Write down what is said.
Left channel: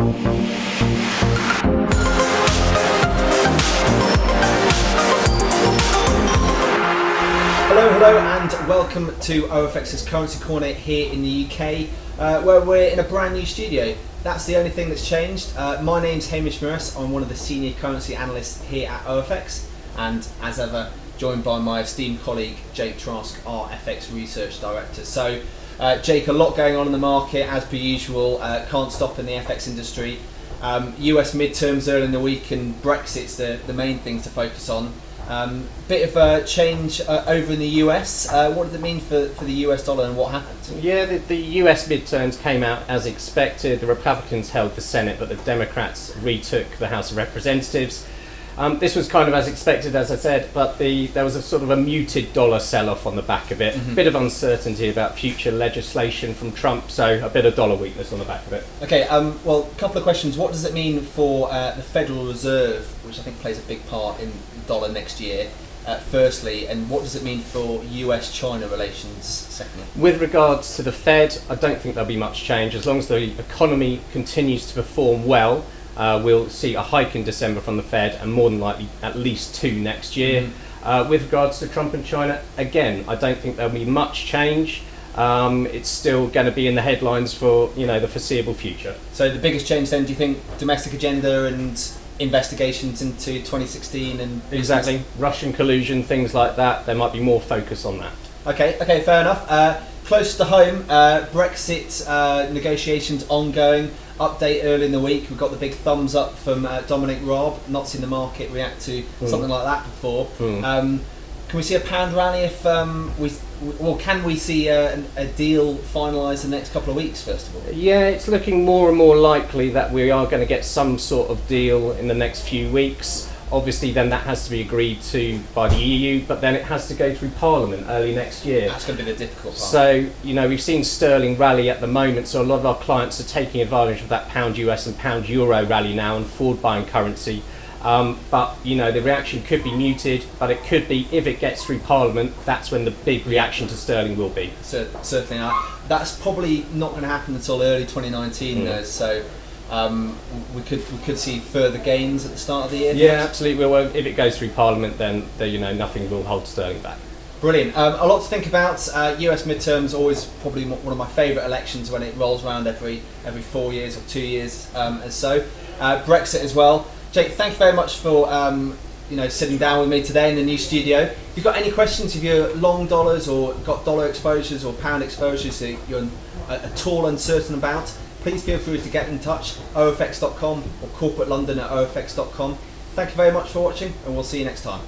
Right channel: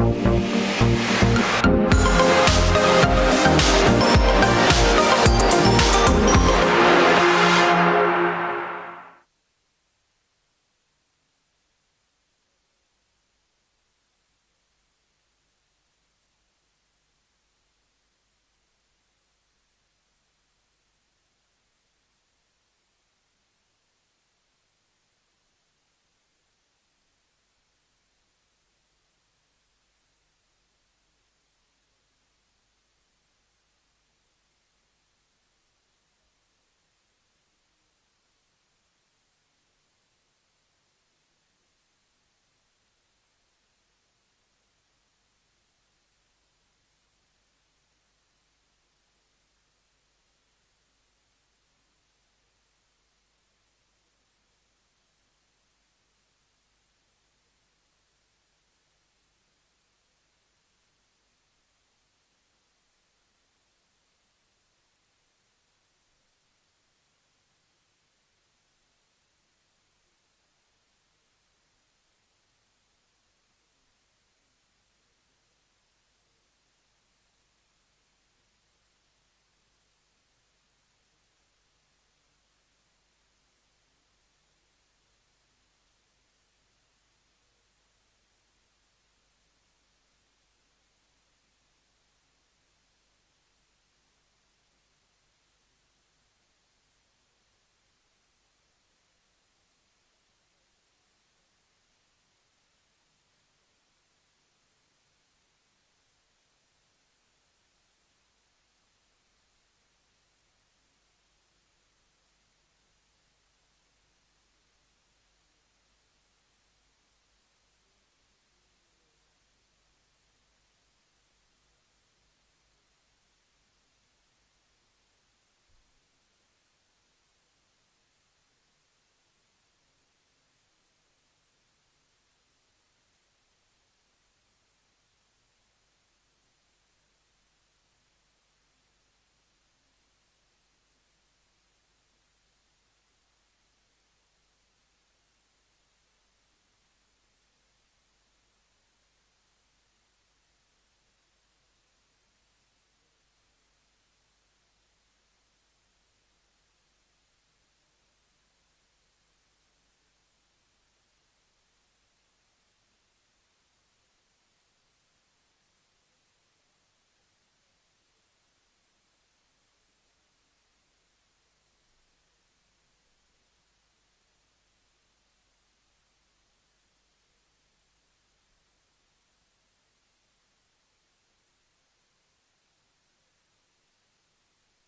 Hello and welcome to OFX's Currency Corner here in the UK, where we're in a brand new studio. That's the only thing that's changed. My name's Hamish Morris. I'm one of the senior currency analysts here at OFX, and as ever, joined by my esteemed colleague Jake Trask, our FX Research Director. So, Jake, a lot going on in the market as per usual. Can't stop in the FX industry. US midterms early in the week, and Brexit's the main thing to focus on. Bit of a change over in the US. What did it mean for the US dollar and what happened? Yeah, the US midterms came out as expected. The Republicans held the Senate, but the Democrats retook the House of Representatives. This was kind of as expected, as I said, but there was a sort of a muted dollar sell-off on the back of it. Mm-hmm. A bit of uncertainty about future legislation from Trump, so a bit of dollar weakness on the back of it. Okay, well, a couple of questions. What does it mean for the Federal Reserve, which I think plays a big part in dollar next year, firstly, and what does it mean for US-China relations, secondly? With regards to the Fed, I don't think there'll be much change. As long as the economy continues to perform well, we'll see a hike in December from the Fed, and more than likely at least 2 next year. Mm-hmm. With regards to Trump and China, again, I don't think there'll be much change. It's still going to be in the headlines for the foreseeable future. So the biggest change then, do you think, domestic agenda and investigations into 2016 and exactly Russian collusion, things like that? There might be more focus on that. Okay, fair enough. Close to home, Brexit negotiations ongoing. Update early in the week. We've got the big thumbs up from Dominic Raab. Not seen the market react to something like that before. Can we see a pound rally if can we see a deal finalised in the next couple of weeks, first of all? Yeah, it's looking more and more likely that we are going to get some sort of deal in the next few weeks. Obviously, then that has to be agreed to by the EU, but then it has to go through Parliament early next year. That's going to be the difficult part. So, we've seen sterling rally at the moment, so a lot of our clients are taking advantage of that pound US and pound euro rally now and forward buying currency. But the reaction could be muted, but it could be, if it gets through Parliament, that's when the big reaction to sterling will be. Certainly not. That's probably not going to happen until early 2019 though, so we could see further gains at the start of the year. Yeah, absolutely. Well, if it goes through Parliament, then nothing will hold sterling back. Brilliant. A lot to think about. US midterms, always probably one of my favourite elections when it rolls around every 4 years or 2 years and so. Brexit as well. Jake, thank you very much for sitting down with me today in the new studio. If you've got any questions, if you're long dollars or got dollar exposures or pound exposures that you're at all uncertain about, please feel free to get in touch, ofx.com or corporate london@ofx.com. Thank you very much for watching, and we'll see you next time.